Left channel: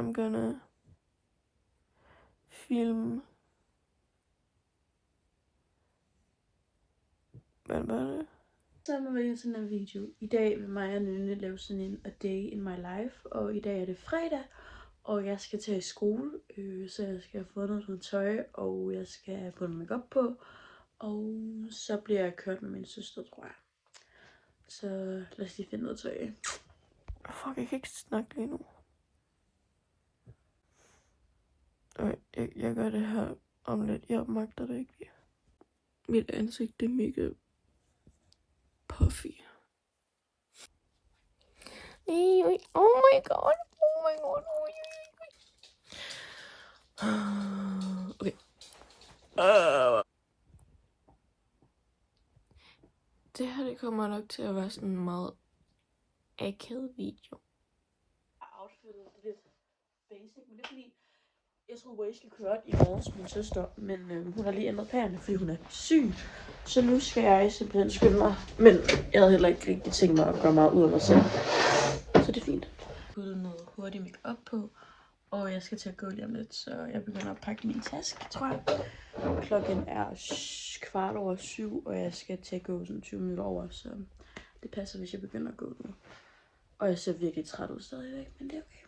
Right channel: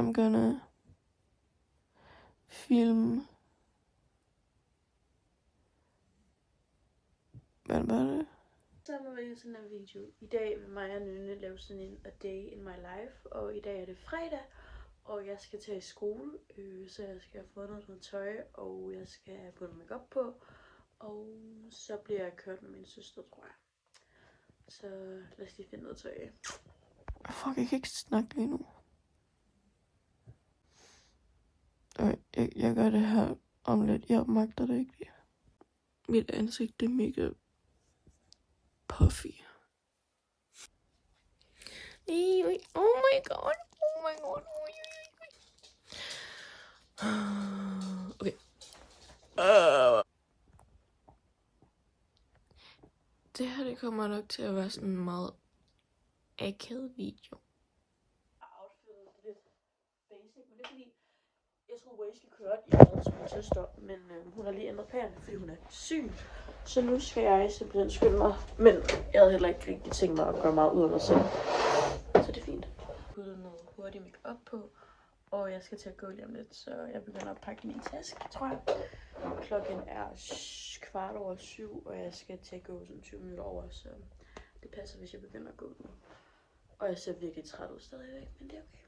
I'm gonna film. Hvad var det? Så er vi sådan en video. I dag vil mig og Nynne lave sådan en A Day in My Life. Og i dag er det fredag. Og jeg skal til i skole. Så jeg skal have fundet noget tøj. Og jeg skal have puttet makeup på. Og så bliver jeg kørt med min søster, tror jeg. Så lad os lige finde noget tøj. Fuck, jeg kan ikke snakke lige nu. Jeg gør det her om lidt. Jeg magter det ikke. Mit ansigt, det er mega puffy. Oh my god. Oh my god. Okay. Det her, det kommer nok til at være sådan en meget akavet video. Outfittet er lidt basic, men det er fordi, jeg troede, Waze skulle køre i morges med min søster, men hun har lige ændret planerne, fordi hun er syg. Så nu skal jeg simpelthen skynde mig, men jeg havde heller ikke rigtig tænkt mig at gøre meget ud af mig selv. Så det er fint. Jeg har puttet noget hurtigt make-up på, og jeg skal til at gå lige om lidt, så jeg begynder at pakke min taske, tror jeg. Klokken er 7:15, og jeg skal til at gå sådan 20 minutter over, så det passer, hvis jeg begynder at gå nu. Og jeg ser virkelig træt ud stadigvæk, men det er okay.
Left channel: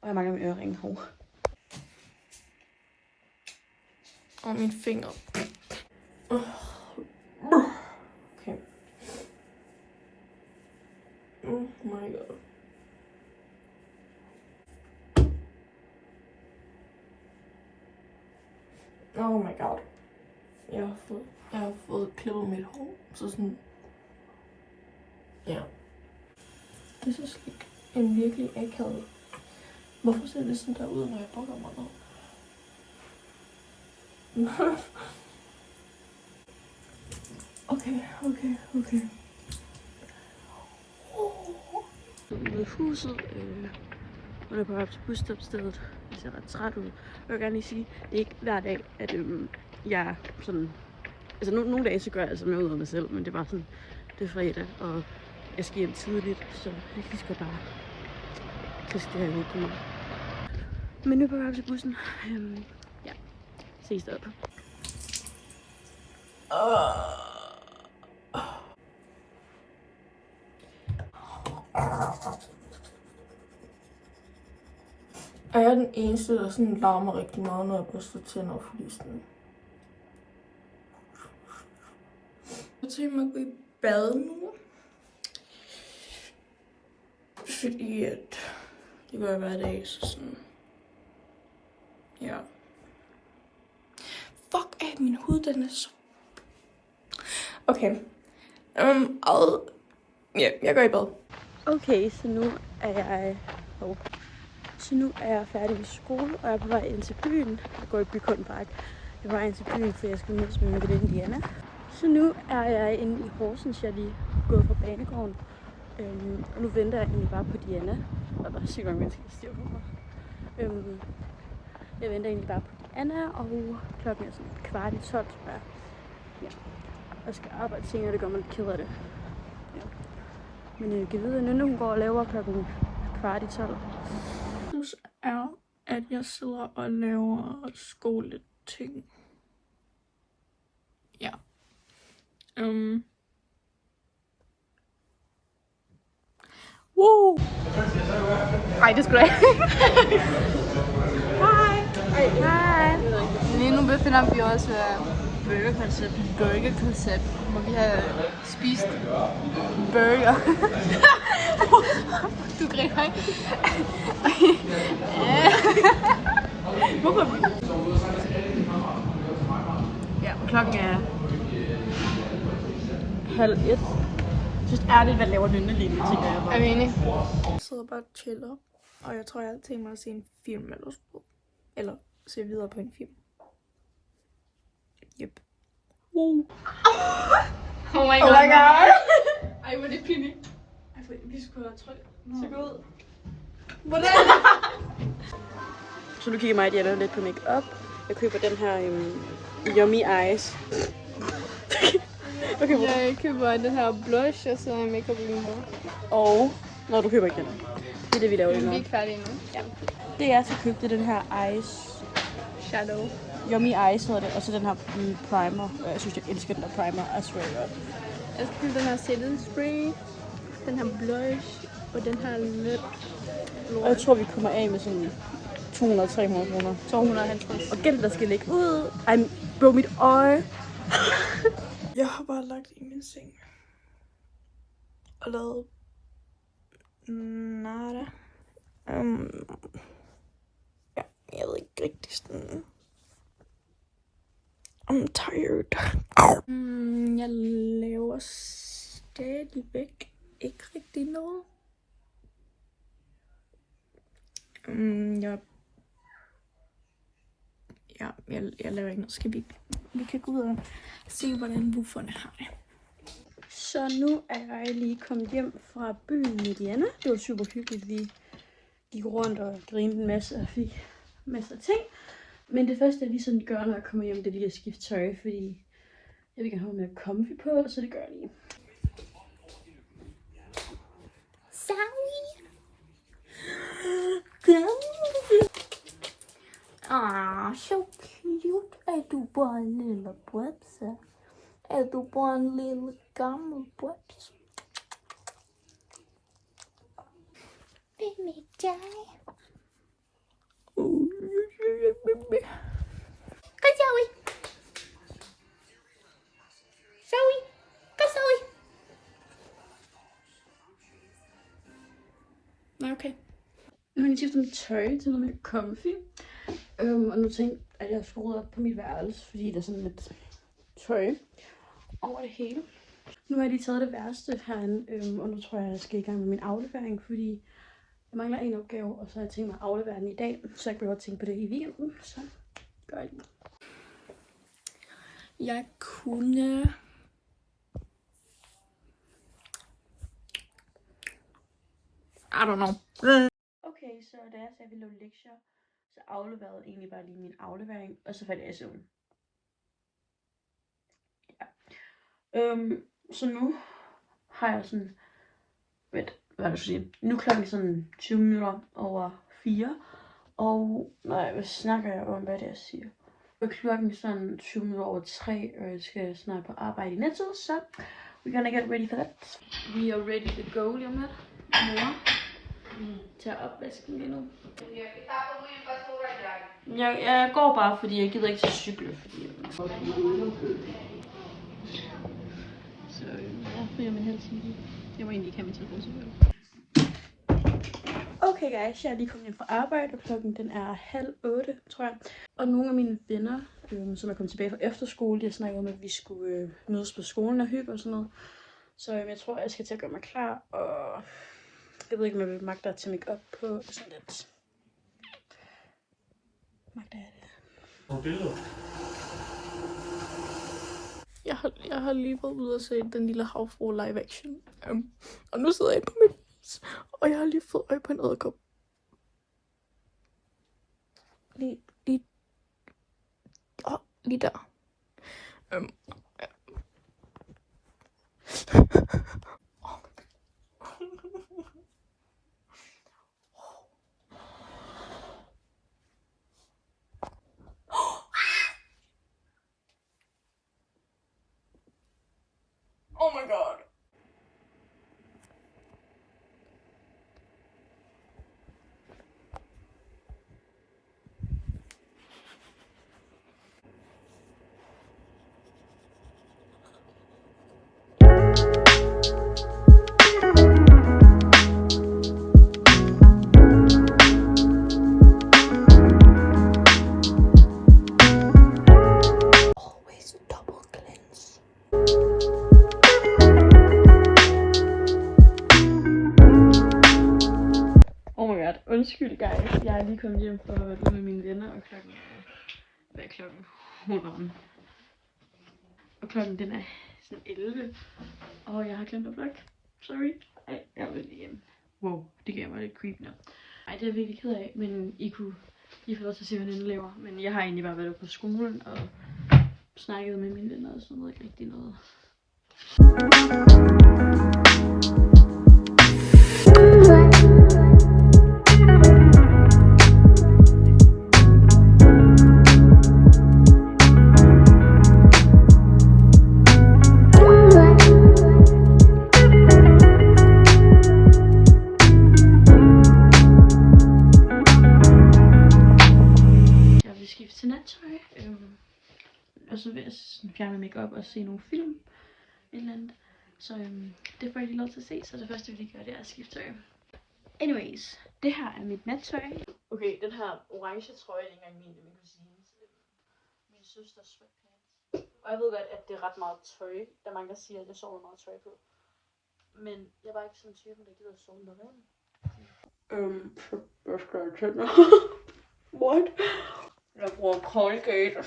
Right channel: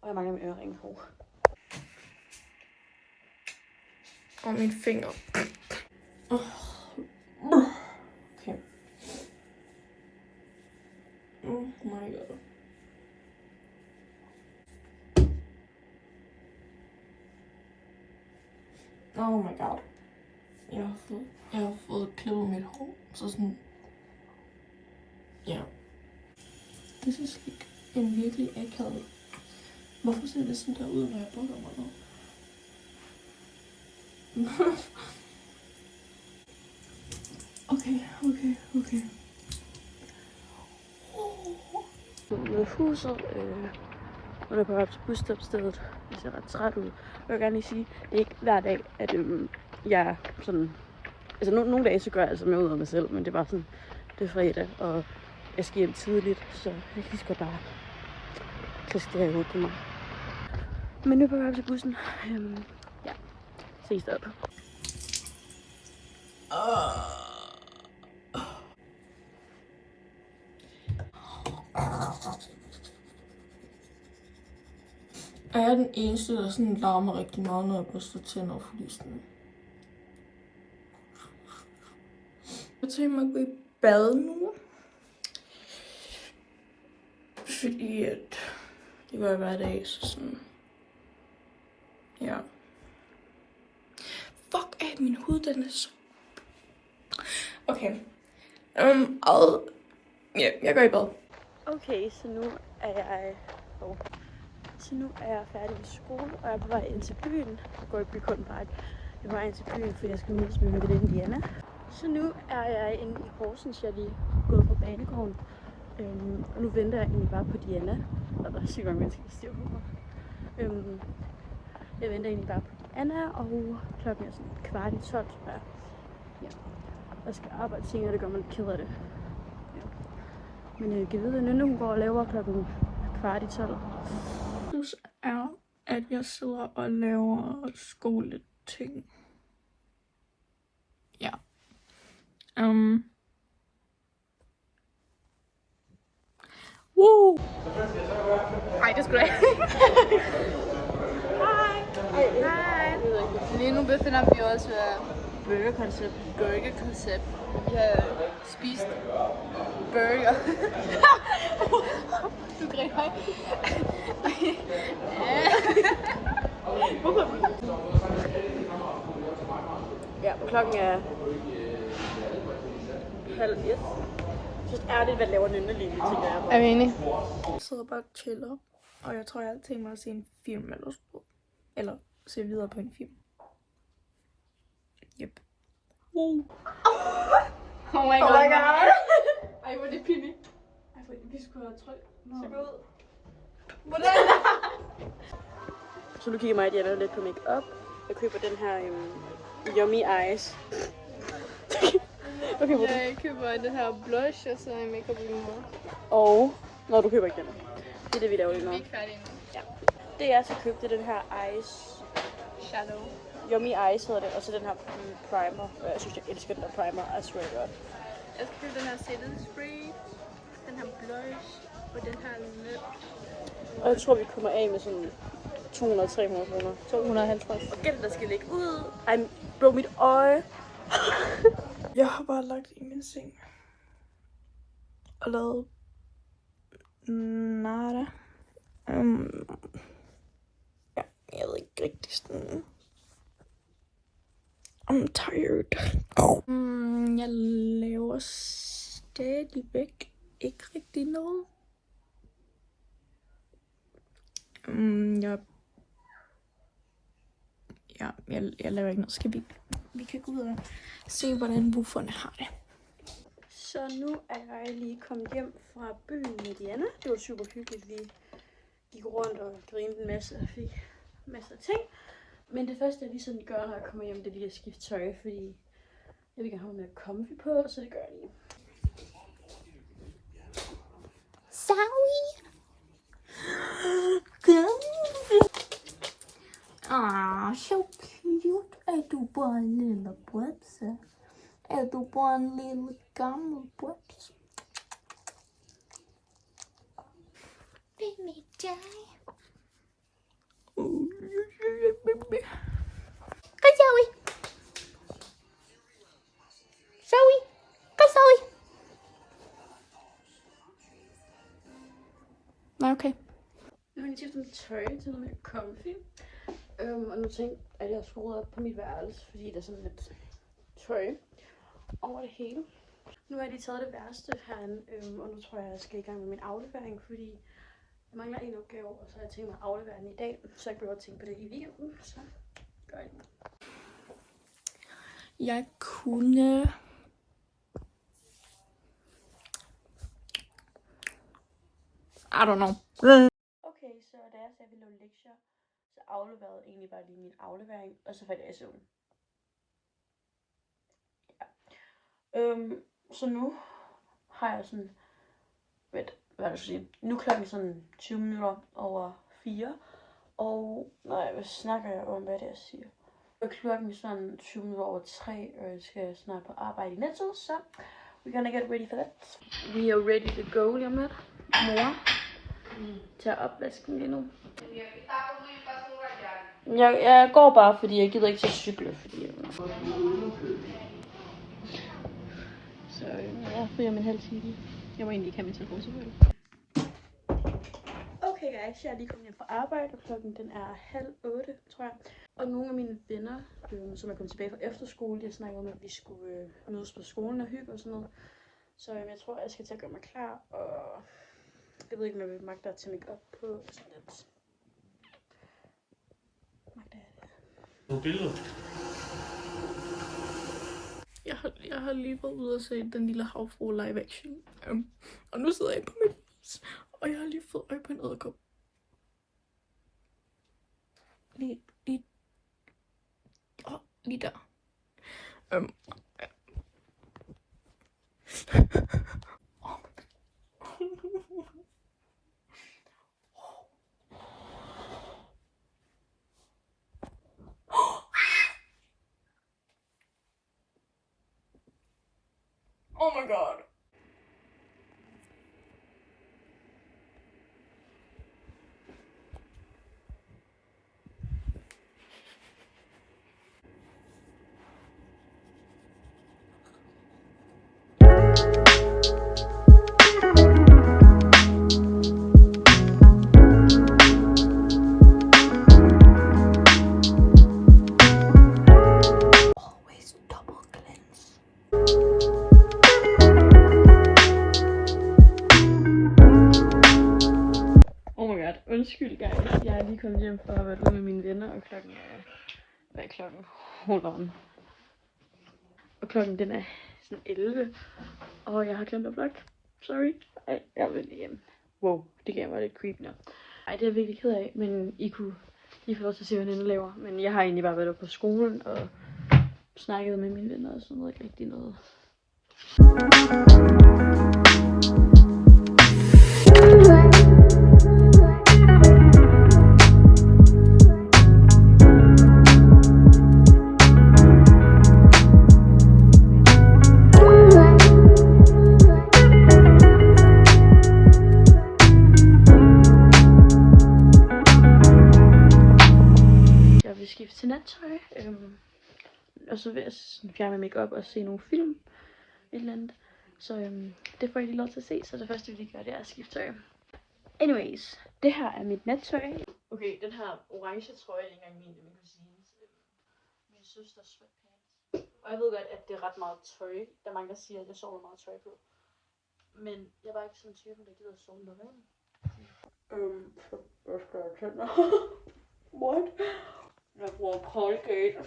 Og jeg mangler min øreringe hår. Og mine fingre. Okay. Oh my god. Oh my god. Jeg har fået klippet mit hår, så sådan. Ja. Det er så slik. En virkelig akavet. Hvorfor ser det sådan der ud, når jeg bukker mig ned? Okay. Ude af huset, og er på vej til busstopstedet. Jeg ser ret træt ud. Jeg vil gerne lige sige, det er ikke hver dag, at jeg er sådan. Altså nogle dage så gør jeg altså mere ud af mig selv, men det er bare sådan, det er fredag, og jeg skal hjem tidligt, så jeg lige skal bare kaste det her i hovedet på mig. Men nu er på vej til bussen. Ja, ses deroppe. Er jeg den eneste, der sådan larmer rigtig meget, når jeg børster tænder, fordi sådan. Jeg tænker mig at gå i bad nu. Fordi at det gør jeg hver dag, så sådan. Ja. Fuck af, min hud, den er så. Okay. Ja, jeg går i bad. Okay, så nu er jeg færdig med skole, og jeg er på vej ind til byen. Jeg går i Bykundpark. Jeg er på vej ind til byen, fordi jeg skal mødes med min veninde Diana. Så nu er jeg inde i Horsens. Jeg er lige gået fra banegården. Og nu venter jeg egentlig bare på Diana. Og der er sygt mange mennesker, der siger på mig. Jeg venter egentlig bare på Diana, og klokken er sådan 11:15, tror jeg. Ja. Jeg skal arbejde senere, det gør mig lidt ked af det. Ja. Men jeg kan vide, at Nynne hun går og laver klokken 11:15. Det er, at jeg sidder og laver skoleting. Ja. Woo! Ej, det skulle jeg. Hej. Lige nu befinder vi os ved burgerkoncept, hvor vi har spist burger. Du griner ikke. Hvorfor? Ja, og klokken er 12:30. Jeg synes ærligt, hvad laver Nynne lige nu, tænker jeg bare. Er vi enige? Jeg sidder bare og chiller, og jeg tror, jeg har tænkt mig at se en film eller sådan. Eller se videre på en film. Yep. Oh my god. Ej, hvor er det pinligt. Vi skulle have tryk. Så gå ud. Hvordan? Så nu kigger mig og Diana lidt på make-up. Jeg køber den her Yummy Eyes. Okay, Jeg køber den her blush, og så makeup remover. Og Nå, du køber ikke den. Det er det, vi laver lige Vi nu. er ikke færdige endnu. Ja. Det jeg skal købe, det er den her Ice. Shadow. Yummy Ice hedder det. Og så den her primer. Jeg synes, jeg elsker den der primer. I swear to God. Jeg skal købe den her setting spray, den her blush og den her lip. Og jeg tror, vi kommer af med sådan 200-300 kroner. 250. Og gæld, der skal ligge ud. Ej, bro, mit øje. Jeg har bare lagt i min seng. Og lavet nada. Ja, jeg ved ikke rigtig sådan. I'm tired. Jeg laver stadigvæk ikke rigtig noget. Jeg laver ikke noget. Skal vi kan gå ud og se, hvordan bufferne har det. Så nu er jeg lige kommet hjem fra byen med Diana. Det var super hyggeligt. Vi gik rundt og grinede en masse og fik masser af ting. Men det første, jeg lige sådan gør, når jeg kommer hjem, det er lige at skifte tøj, fordi jeg vil gerne have mere comfy på, så det gør jeg lige. Sorry. Så cute. Er du bare en lille bøbse? Er du bare en lille gammel bøbse? Det er med dig. Hej, Zoe. Zoe. Kom, Zoe. Nej, okay. Nu har jeg skiftet mit tøj til noget mere comfy. Og nu tænkte jeg, at jeg skulle rydde op på mit værelse, fordi der er sådan lidt tøj over det hele. Nu har jeg lige taget det værste herinde, og nu tror jeg skal i gang med min aflevering, fordi jeg mangler en opgave, og så har jeg tænkt mig at aflevere den i dag, så jeg behøver at tænke på det i weekenden, så gør jeg det. Jeg kunne... I don't know. Okay, så da jeg sagde, at jeg ville lave lektier, så afleverede jeg egentlig bare lige min aflevering, og så faldt jeg i søvn. Ja. Så nu har jeg sådan... hvad er det, sige? Nu er klokken sådan 20 minutter over 4. Og nej, hvad snakker jeg om, hvad det er, jeg siger? Og klokken er sådan 20 minutter over 3, og jeg skal snart på arbejde i Netto, så we're gonna get ready for that. We are ready to go lige om lidt. Mor tager opvasken lige nu. Jeg går bare, fordi jeg gider ikke til at cykle, fordi så jeg får min halv time. Jeg må egentlig ikke have min telefon selvfølgelig. Okay guys, jeg er lige kommet hjem fra arbejde, og klokken den er 7:30, tror jeg. Og nogle af mine venner, som er kommet tilbage fra efterskole, de har snakket om, at vi skulle mødes på skolen og hygge og sådan noget. Så jeg tror, jeg skal til at gøre mig klar, og jeg ved ikke, om jeg vil magte at tage make op på sådan lidt. Magter jeg det? Nogle billeder. Jeg har lige været ude og se Den Lille Havfrue live action. Og nu sidder jeg på mit hus, og jeg har lige fået øje på en edderkop. Lige der. Oh my god. Always double cleanse. Oh my god, undskyld guys. Jeg er lige kommet hjem fra at være ude med mine venner, og klokken er... Hvad er klokken? Hold on. Og klokken den er sådan 11, og jeg har glemt at vlogge. Sorry. Ej, jeg vil hjem. Wow, det gav mig lidt creep nu. Ej, det er jeg virkelig ked af, men I kunne lige få lov til at se, hvad Nenne laver. Men jeg har egentlig bare været på skolen og snakket med mine venner, og sådan noget, ikke rigtig noget. og så vil jeg fjerne makeup og se nogle film. Et eller andet. Så det får jeg lige lov til at se, så det første vi lige gør, det er at skifte tøj. Anyways, det her er mit nattøj. Okay, den her orange trøje er ikke engang min kusines. Min søsters sweatpants. Og jeg ved godt, at det er ret meget tøj. Der er mange, der siger, at det sover meget tøj på. Men jeg er bare ikke sådan en type, der gider at sove med ren. Jeg skal have tænder. What? Jeg bruger Colgate.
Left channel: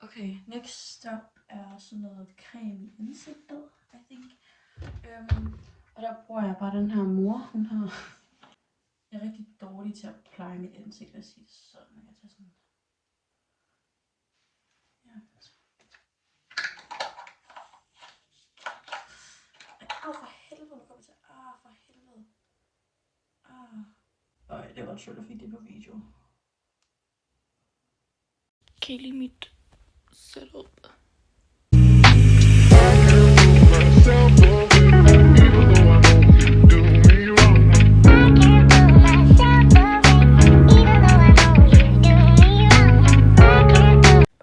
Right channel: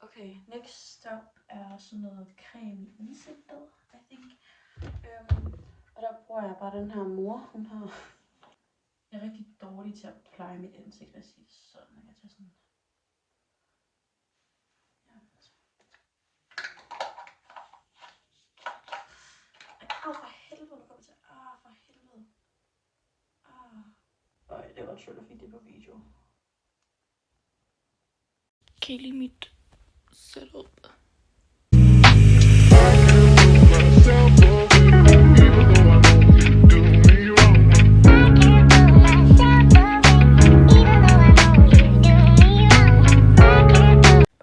Okay, next stop er sådan noget creme i ansigtet, I think. Og der bruger jeg bare den her mor. Hun har... Jeg er rigtig dårlig til at pleje mit ansigt, og sige det sådan. Jeg tager sådan... Ja, altså. For helvede, nu kommer til. For helvede. Det var sjovt, at fik det på video. Kan I lide mit setup?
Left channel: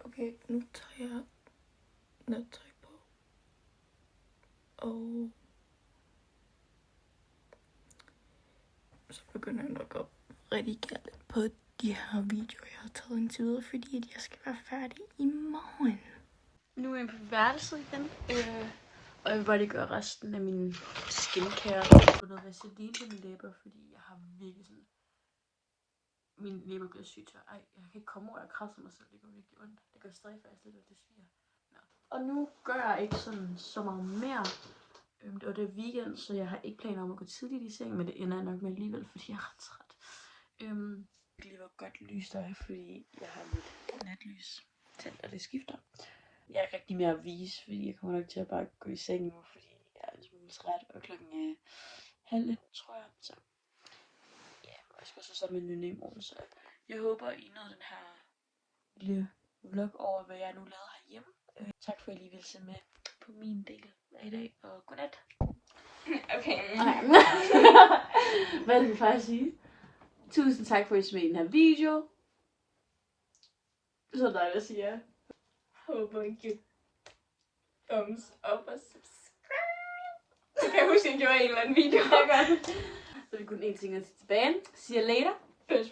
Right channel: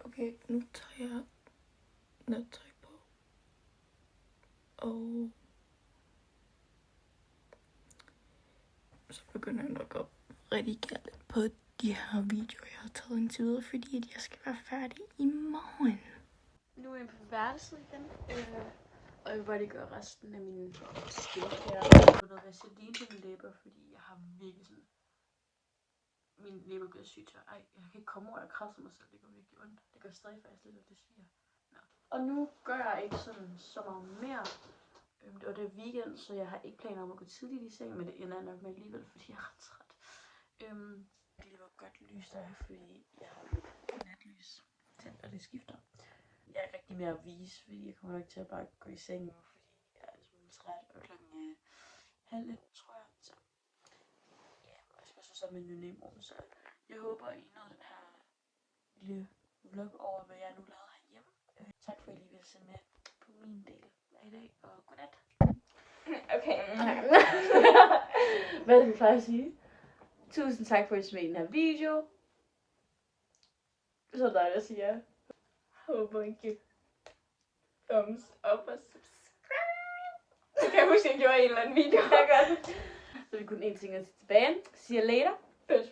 Okay, nu tager jeg nattøj på. Og så begynder jeg nok at redigere lidt på de her videoer, jeg har taget indtil videre, fordi jeg skal være færdig i morgen. Nu er jeg på værelset igen, og jeg vil bare lige gøre resten af min skincare. Jeg har noget vaseline på mine læber, fordi jeg har virkelig sådan... Mine læber bliver sygt tør. Jeg kan ikke komme over, jeg krasser mig selv, det går virkelig ondt. Det går stadig faktisk lidt, at det sviger. Ja. Og nu gør jeg ikke sådan så meget mere. Og det er weekend, så jeg har ikke planer om at gå tidligt i seng, men det ender jeg nok med alligevel, fordi jeg er ret træt. Det var godt lys der, fordi jeg har lidt natlys tændt, og det skifter. Jeg er ikke rigtig mere at vise, fordi jeg kommer nok til at bare gå i seng nu, fordi jeg er en smule træt, og klokken er 12:30, tror jeg. Så ja, og jeg skal så sammen med en veninde i morgen, så jeg håber, I nåede den her lille vlog over, hvad jeg nu lavede herhjemme. Tak for, at I lige ville se med på min del af i dag, og godnat. Okay. Hvad er det, vi plejer at sige? Tusind tak for, at I så med i den her video. Så er dig, der siger. Håber I giver thumbs up og subscribe. Det kan jeg huske, jeg gjorde i en eller anden video. Så er vi kun en ting at sige tilbage. See you later. Push.